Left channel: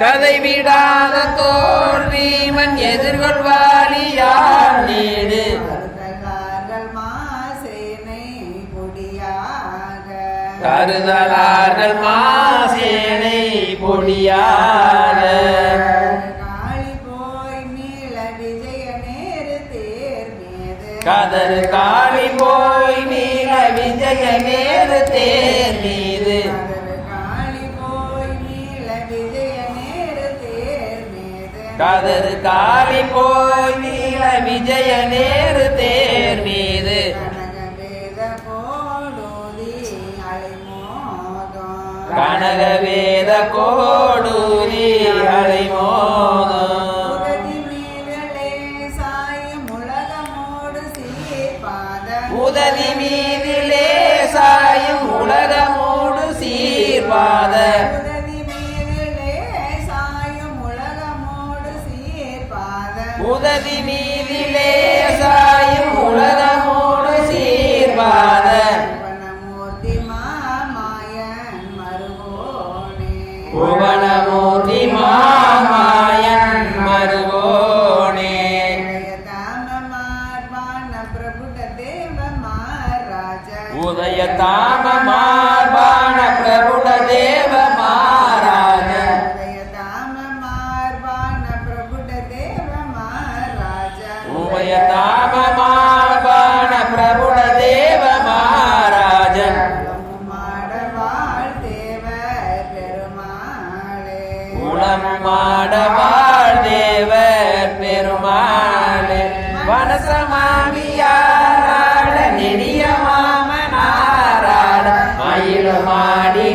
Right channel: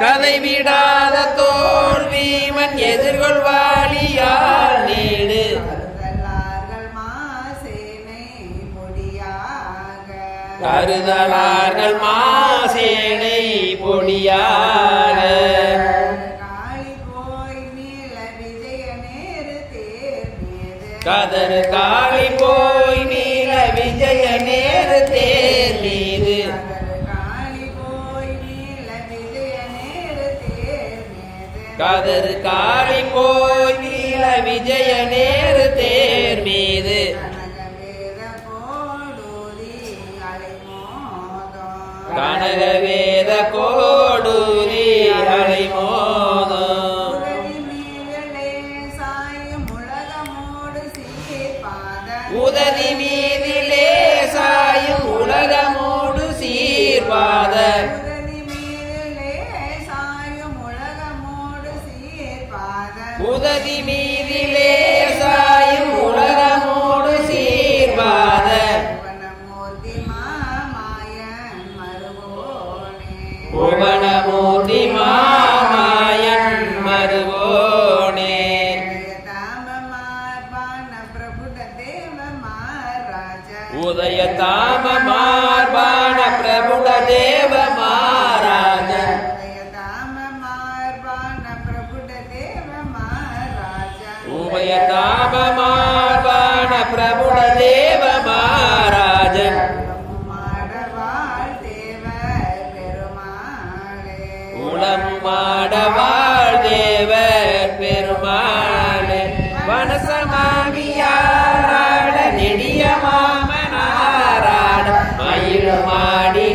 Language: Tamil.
கதை விடாத தோல்வி மண் எதிர்கொள்வாளியால் நேடு. கருதலார்கள் மாசேனை பொடியாக. கதறு காளி போய் நீல விஜய நேரு தேர் மீது. கதறு காளி போய் நீல விஜய நேரு தேர் மீது. கனக வேத கோடூரி உதவி மீதிலே சாயும் உலகமோடு சீர்வாத. புவனமூர்த்தி மாமாயன் மருகோனே. புவனமூர்த்தி மாமாயன் மருகோனே உதய தாம மகாராஜ உபய தாம மார்பான பிரபுட தேவ மாராஜன் உளம் மாடவாள் தேவர் பெருமாளே. வனசமாகியாராட நெடிய மாமனாராட. மயிலமாடி